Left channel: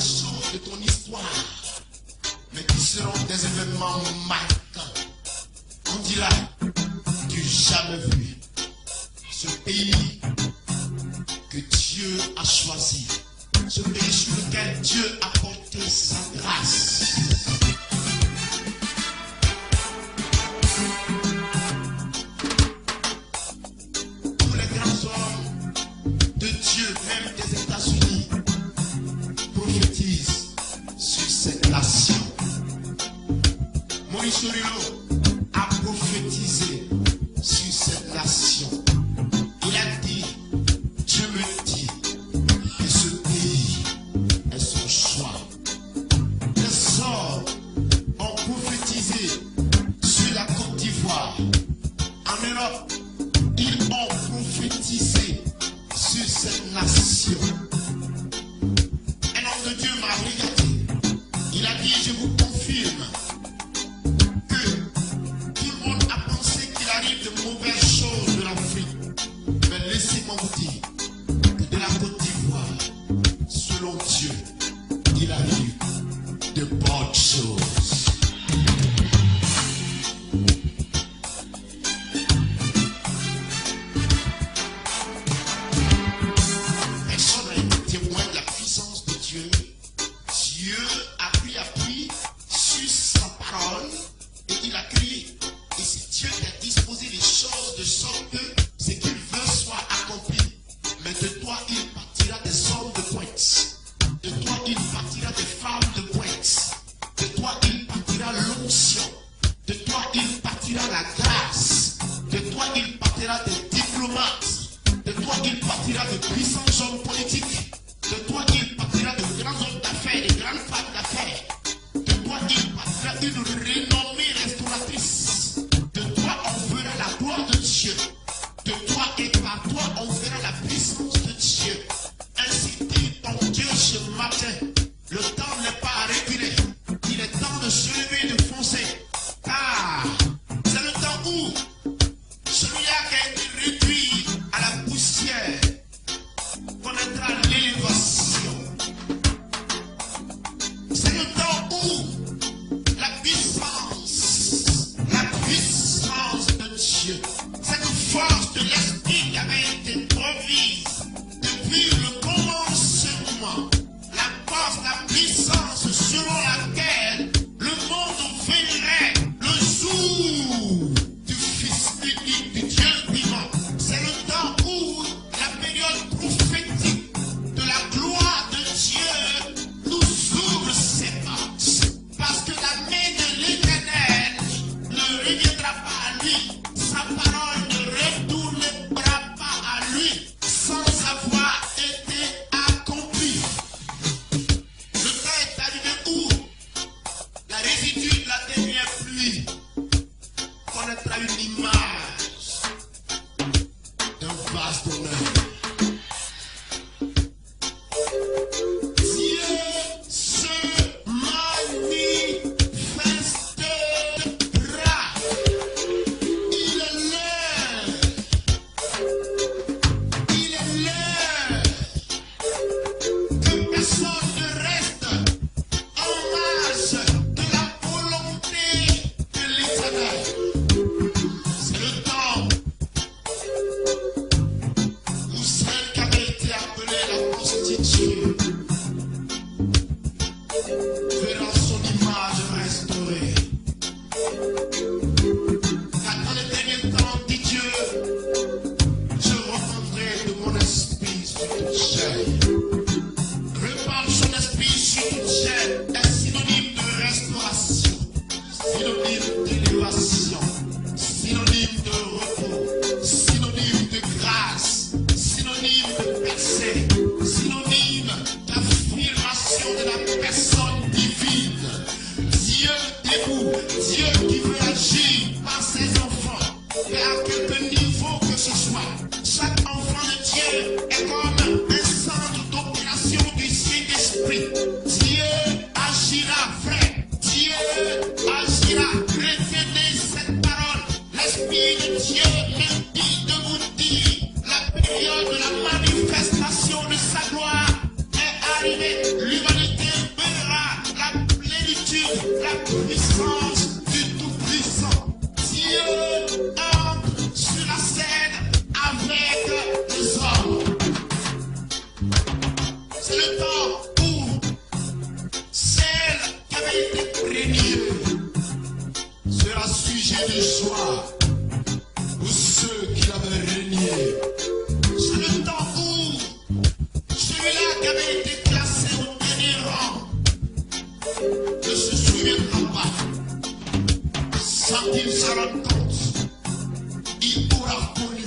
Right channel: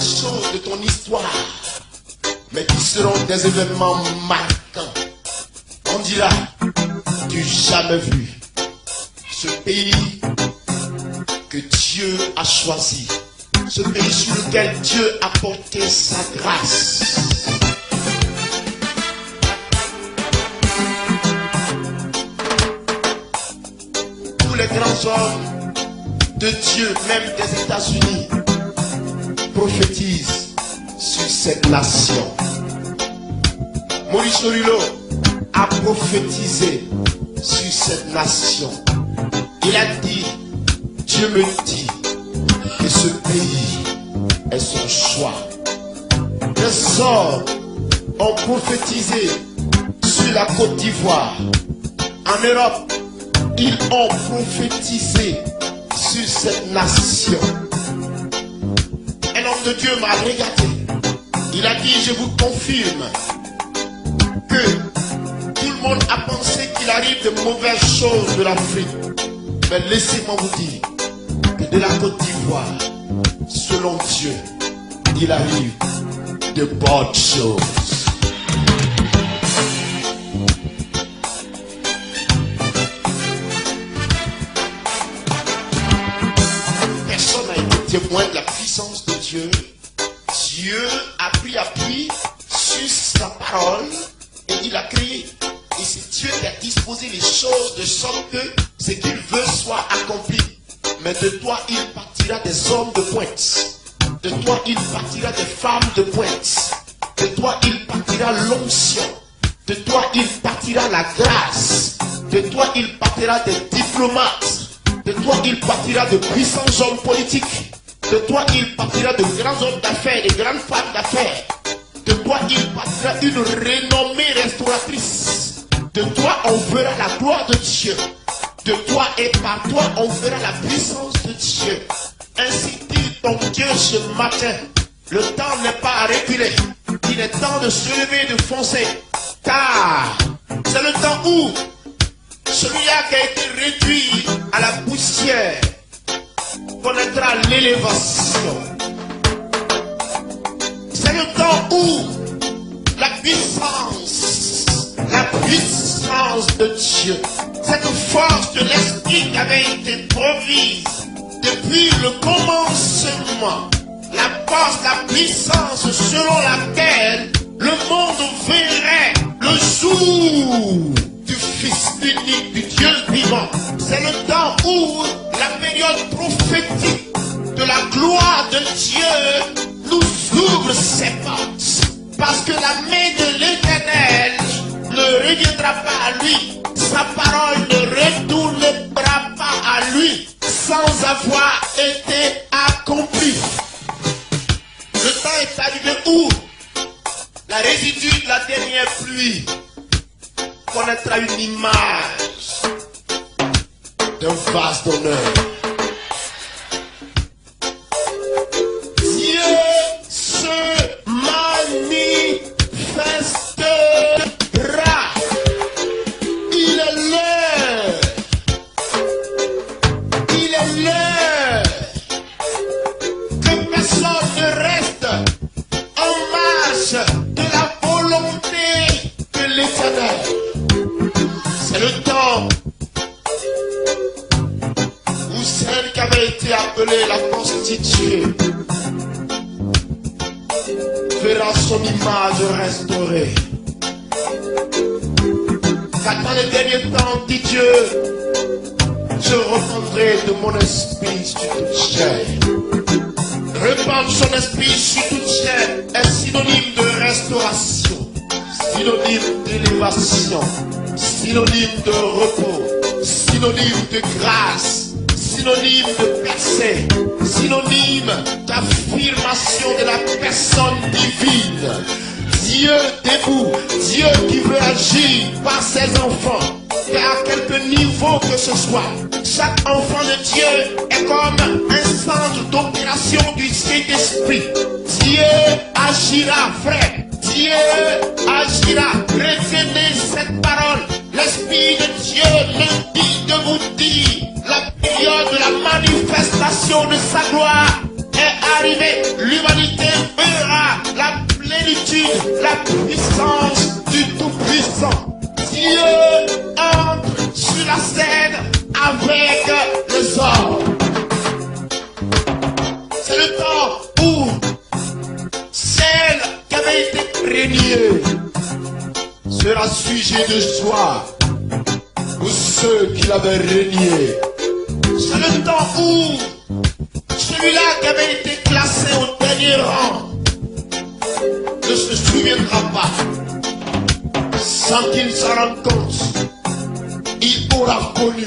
choses de ton histoire, mais qui seront des événements marquants. On dira, du jamais vu, ce pays que Dieu a choisi, ce pays sur lequel Dieu a porté sa grâce. Tous les grands hommes de Dieu, même des États-Unis, prophétisent sur cette nation. Maurice Orillo a prophétisé sur cette nation. Il a dit, Dieu me dit que ce pays est son choix. Les hommes ont prophétisé sur la Côte d'Ivoire. En Europe, ils ont prophétisé sur cette nation. Un homme de Dieu m'a regardé. Il a dit, je vous confirme que tout le monde a pensé qu'il arrive de mauvaises choses de l'Afrique. Mais laissez-moi vous dire que de la Côte d'Ivoire, selon Dieu, il arrive de bonnes choses. Personne n'a été témoin de la puissance de Dieu. Dieu a pris appui sur sa parole et il a créé. Et c'est Dieu qui a disposé les choses de sorte que ce qu'il veut soit accompli. Mais de toi, il partira des hommes de pointe. De toi, il partira des femmes de pointe. De toi, il partira l'onction. De toi, il partira la grâce. De toi, il partira des diplomates. De toi, il partira de puissants hommes politiques. De toi, il partira de grands hommes d'affaires, de grandes femmes d'affaires. De toi, il partira une renommée restauratrice. De toi, on verra la gloire de Dieu. De toi et par toi, on verra la puissance de Dieu. Ainsi dit ton Dieu ce matin. Le temps n'est pas à reculer. Il est temps de se lever et de foncer. Car c'est le temps où celui-là qui a été réduit à la poussière connaîtra l'élévation. C'est le temps où la puissance de Dieu, cette force de l'esprit qui avait été promise depuis le commencement, la force, la puissance selon laquelle le monde verrait le jour du Fils unique du Dieu vivant. C'est le temps où la période prophétique de la gloire de Dieu nous ouvre ses portes. Parce que la main de l'Éternel ne reviendra pas à lui. Sa parole ne retournera pas à lui sans avoir été accomplie. Le temps est arrivé où la résidue de la dernière pluie connaîtra une image d'un vase d'honneur. Dieu se manifestera. Il est l'heure. Il est l'heure que personne ne reste en marge de la volonté de l'Éternel. C'est le temps où celle qui avait été appelée la prostituée verra son image restaurée. Car dans les derniers temps, dit Dieu, je reprendrai de mon esprit sur toute chair. Répandre son esprit sur toute chair est synonyme de restauration, synonyme d'élévation, synonyme de repos, synonyme de grâce, synonyme de percée, synonyme d'affirmation de la personne divine. Dieu debout, Dieu qui veut agir par ses enfants, et à quelque niveau que ce soit. Chaque enfant de Dieu est comme un centre d'opération du Saint-Esprit. Dieu agira, frère. Dieu agira. Retenez cette parole. L'Esprit de Dieu me dit de vous dire, la période de la manifestation de sa gloire est arrivée. L'humanité puissance du Tout-Puissant. Dieu entre sur la scène avec les hommes. C'est le temps où celle qui avait été régnée sera sujet de joie pour ceux qui l'avaient régné. C'est le temps où celui-là qui avait été classé au dernier rang ne se souviendra pas. Sans qu'il s'en rende compte, il aura connu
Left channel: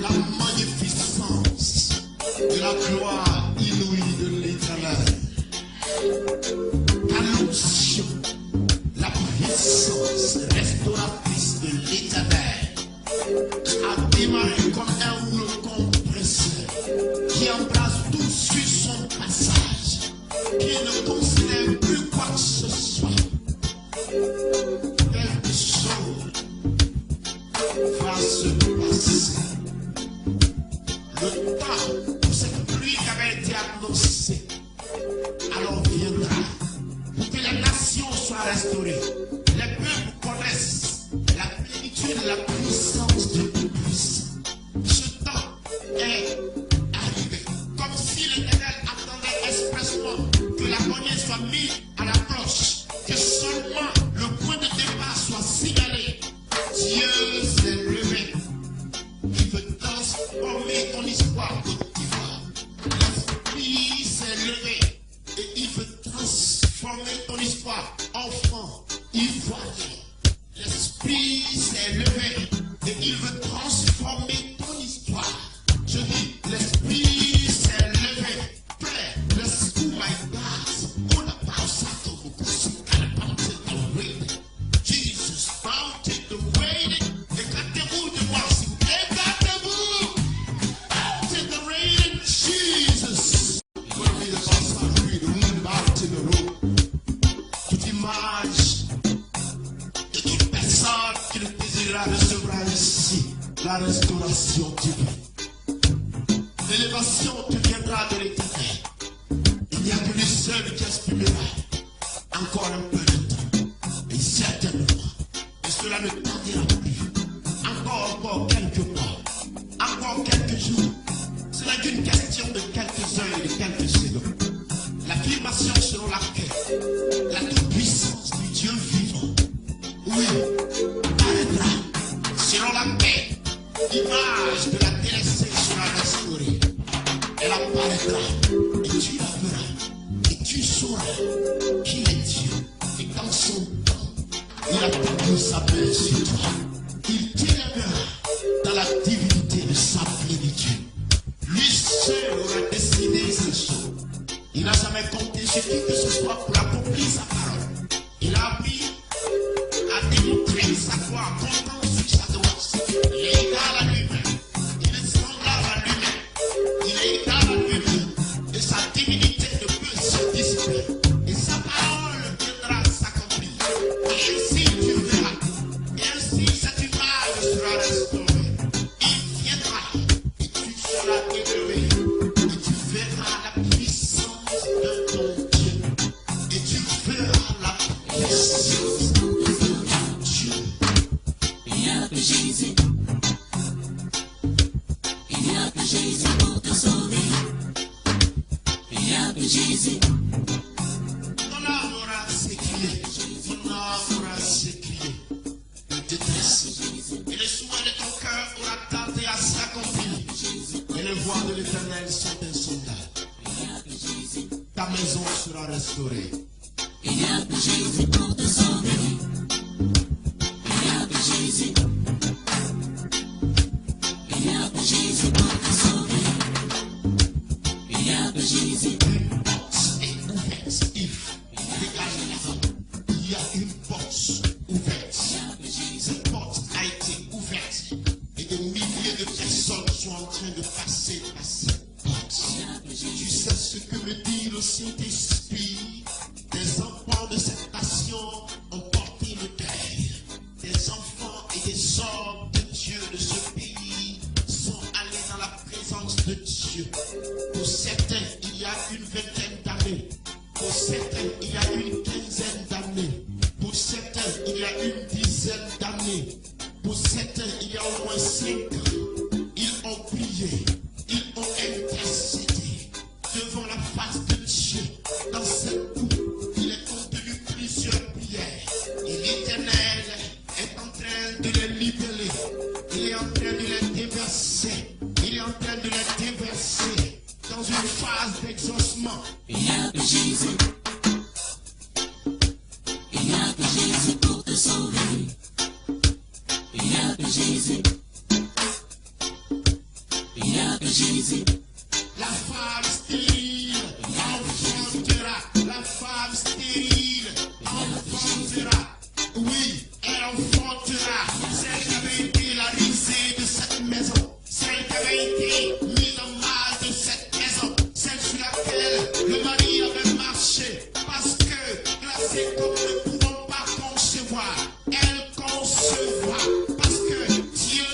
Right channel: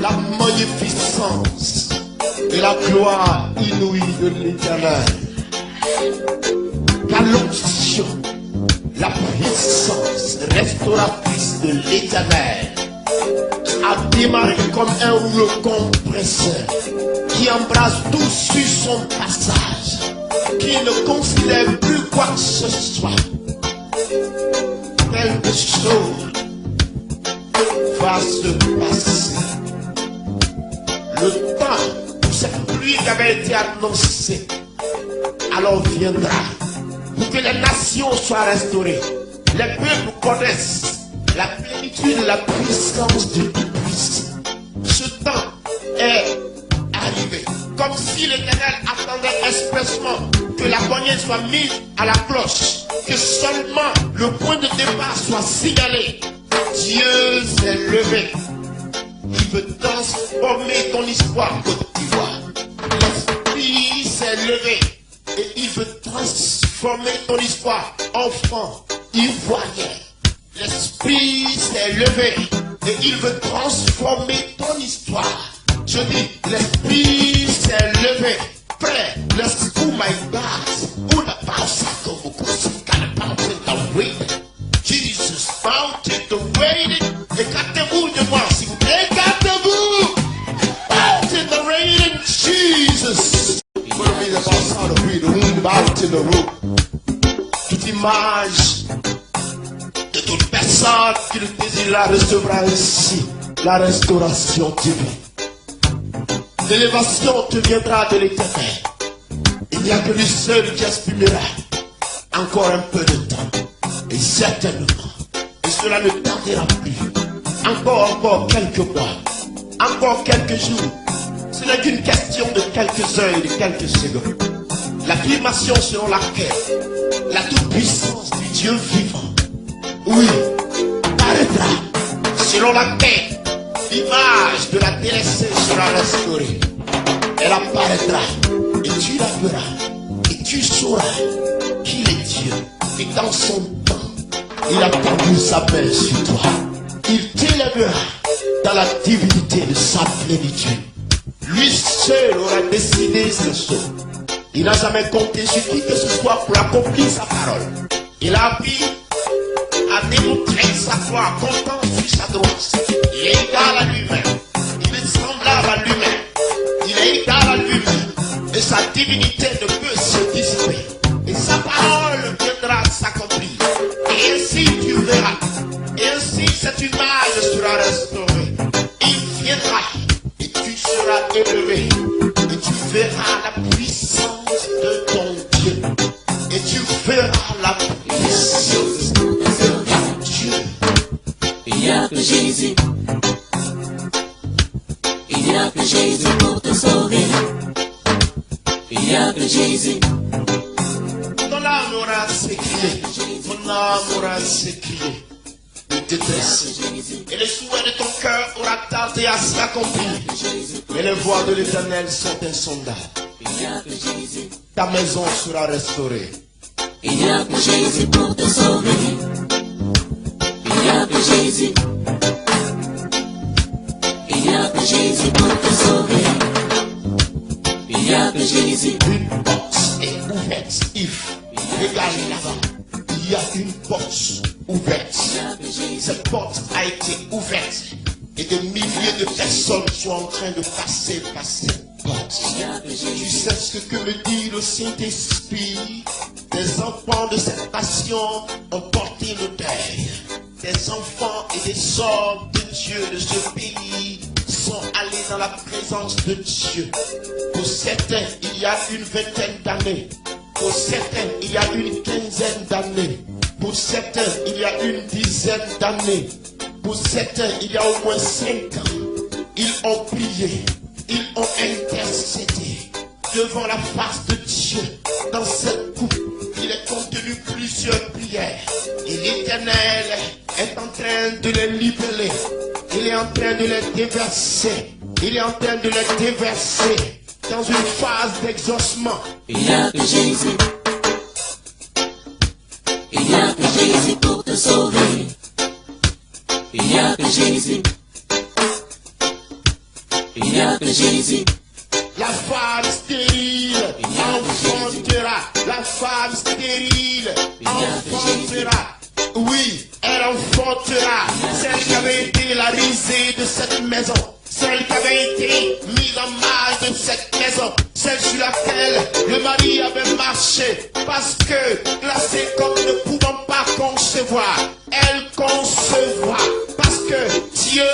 la magnificence et la gloire inouïe de l'Éternel. Car l'onction, la puissance restauratrice de l'Éternel a démarré comme un rouleau compresseur qui embrasse tout sur son passage, qui ne considère plus quoi que ce soit. Quelque chose va se passer. Le temps où cette pluie qui avait été annoncée alors viendra pour que les nations soient restaurées, les peuples connaissent la plénitude de la puissance du Tout-Puissant. Ce temps est arrivé, comme si l'Éternel attendait expressement que la poignée soit mise à la cloche, que seulement le point de départ soit signalé. Dieu s'est levé. Il veut transformer ton histoire, Côte d'Ivoire. L'Esprit s'est levé et il veut transformer ton histoire, enfant ivoirien. L'Esprit s'est levé et il veut transformer ton histoire. Je dis, l'Esprit s'est levé. Prêt, let's go, my God. Who the boss of the wait? Jesus mounted the waiting. Écartez-vous de moi, s'il vous plaît. Écartez-vous. Mounted the waiting, Jesus. Will be the boss of the wait, the mountain the room. Toute image de toute personne qui le désirera recevra ici la restauration divine. L'élévation te viendra de l'Éternel. Il n'y a que lui seul qui exprimera encore un peu de temps. Et certainement, et cela ne tardera plus. Encore quelques mois, encore quelques jours. Ce n'est qu'une question de quelques heures et de quelques secondes. L'acclimation selon laquelle la toute-puissance du Dieu vivant, oui, paraîtra, selon laquelle l'image de la délaissée sera restaurée. Elle apparaîtra et tu la verras et tu sauras qu'il est Dieu. Et dans son temps, il a tendu sa main sur toi. Il t'élèvera dans la divinité de sa plénitude. Lui seul aura décidé ces choses. Il n'a jamais compté sur qui que ce soit pour accomplir sa parole. Il a appris à démontrer sa foi, comptant sur sa droite. Il est égal à lui-même. Il est semblable à lui-même. Il est égal à lui-même. Et sa divinité ne peut se dissiper. Et sa parole viendra s'accomplir. Et ainsi tu verras. Et ainsi cette image sera restaurée. Il viendra et tu seras élevé. Et tu verras la puissance de ton Dieu. Et tu verras la puissance de ton Dieu. Il n'y a que Jésus. Il n'y a que Jésus pour te sauver. Il n'y a que Jésus. Ton âme aura s'écrié. Ton âme aura s'écrié de détresse. Et le souhait de ton cœur aura tardé à s'accomplir. Et les voies de l'Éternel sont insondables. Il n'y a que Jésus. Ta maison sera restaurée. Il n'y a que Jésus pour te sauver. Il n'y a que Jésus. Il n'y a que Jésus pour te sauver. Il n'y a que Jésus. Une porte est ouverte. Yves, regardez là-bas. Il y a une porte ouverte. Cette porte a été ouverte. Et des milliers de personnes sont en train de passer par cette porte. Tu sais ce que me dit le Saint-Esprit? Des enfants de cette nation ont porté le deuil. Des enfants et des hommes de Dieu de ce pays sont allés dans la présence de Dieu. Pour certains, il y a une vingtaine d'années, Pour certains, il y a une quinzaine d'années. Pour certains, il y a une dizaine d'années. Pour certains, il y a au moins 5 ans. Ils ont prié, ils ont intercédé devant la face de Dieu. Dans cette coupe, il est contenu plusieurs prières. Et l'Éternel est en train de les libérer. Il est en train de les déverser. Il est en train de les déverser dans une phase d'exaucement. Il n'y a que Jésus. Il n'y a que Jésus pour te sauver. Il n'y a que Jésus. Il n'y a que Jésus. La femme stérile enfantera. La femme stérile enfantera. Oui, elle enfantera. Celle qui avait été la risée de cette maison. Celle qui avait été mise en marge de cette maison. Celle sur laquelle le mari avait marché. Parce que glacée comme ne pouvant pas concevoir. Elle concevra. Parce que Dieu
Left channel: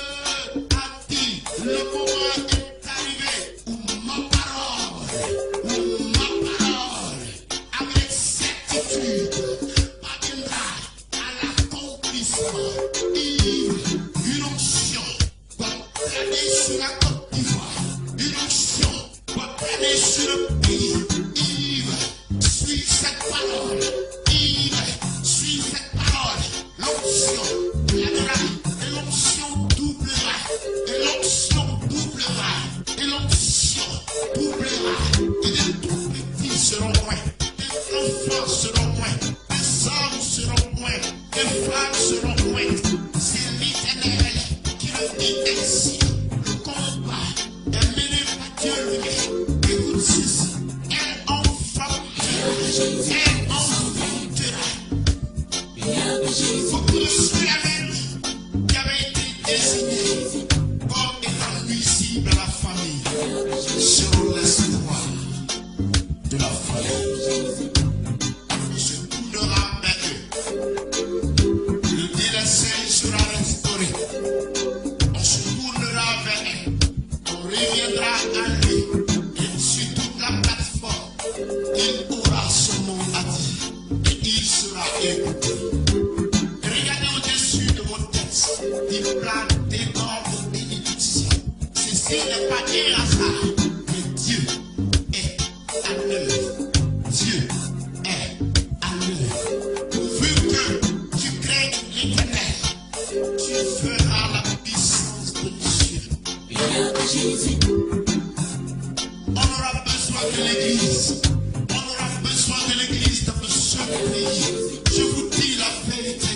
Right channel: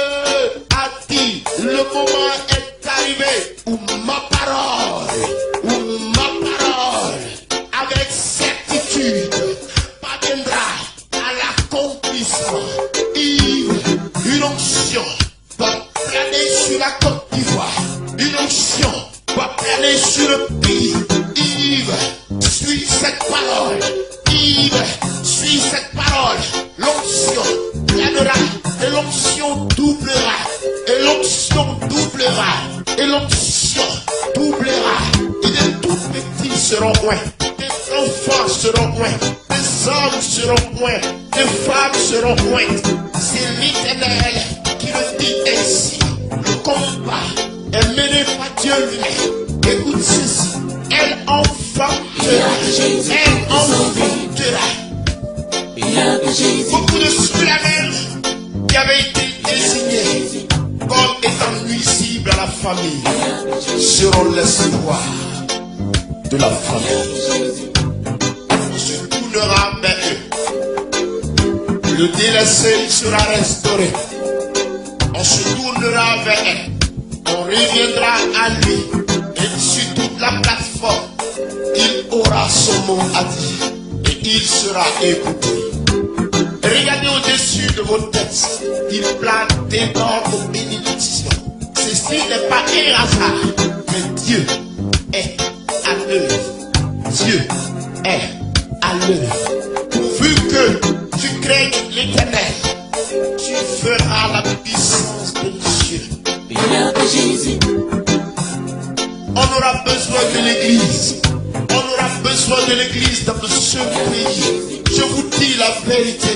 a dit, le moment est arrivé où ma parole, avec certitude, parviendra à l'accomplissement. Une onction doit planer sur la Côte d'Ivoire. Une onction doit planer sur le pays. Yves, suis cette parole. Yves, suis cette parole. L'onction planera et l'onction doublera. Et l'onction doublera. Et l'onction doublera. Et des tout petits seront loin. Des enfants seront loin. Des hommes seront loin. Des femmes seront loin. C'est l'Éternel qui le dit ainsi. Le combat est mené par Dieu lui-même. Écoute ceci. Elle enfantera. Elle enfantera. Il n'y a que Jésus. Beaucoup de ceux-là même qui avaient été désignés comme étant nuisibles à la famille seront l'espoir de la famille. On se tournera vers eux. Le délaissé sera restauré. On se tournera vers eux. On reviendra à lui. Et sur toute la plateforme, il aura son mot à dire. Et il sera écouté. Regardez au-dessus de vos têtes. Il plante d'énormes bénédictions. Ceci n'est pas un hasard. Mais Dieu est à l'œuvre. Dieu est à l'œuvre. Pourvu que tu craignes l'Éternel, tu feras la puissance de Dieu. Il n'y a que Jésus. On aura besoin de l'Église. On aura besoin de l'Église dans ce pays. Je vous dis la vérité.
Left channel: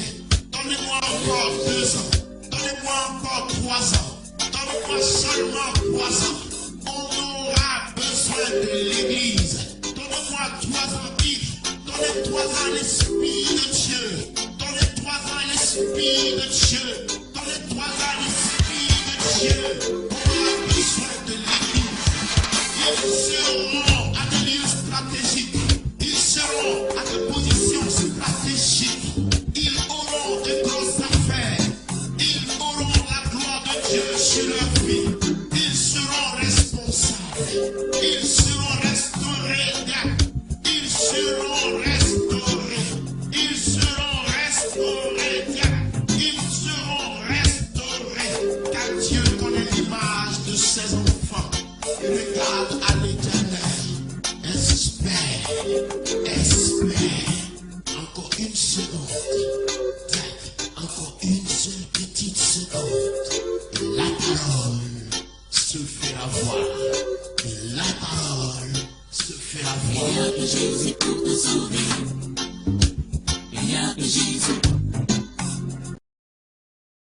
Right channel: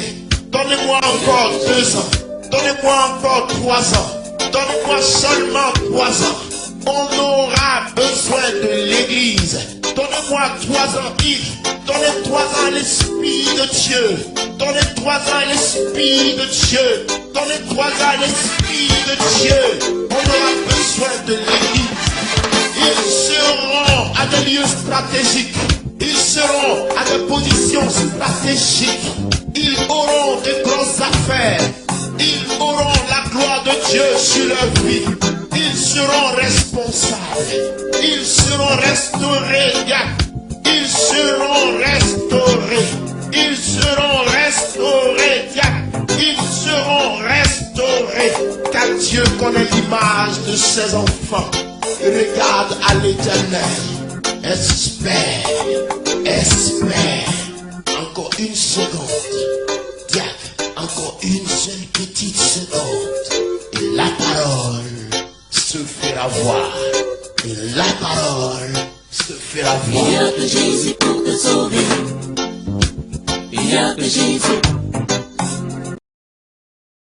Donnez-moi encore 2 ans. Donnez-moi encore 3 ans. Donnez-moi seulement 3 ans. On aura besoin de l'Église. Donnez-moi 3 ans, Yves. Donnez 3 ans à l'Esprit de Dieu. Donnez 3 ans à l'Esprit de Dieu. Donnez 3 ans à l'Esprit de Dieu. On aura besoin de l'Église. Ils seront à des lieux stratégiques. Ils seront à des positions stratégiques. Ils auront de grosses affaires. Ils auront la gloire de Dieu sur leur vie. Ils seront responsables. Ils seront restaurés. Ils seront restaurés. Ils seront restaurés. Ils seront restaurés. Car Dieu connaît l'image de ses enfants. Regarde à l'Éternel. Espère. Espère. Encore une seconde. Encore une seule petite seconde. Et la parole se fera voir. Et la parole se fera voir. Il n'y a que Jésus pour te sauver. Il n'y a que Jésus.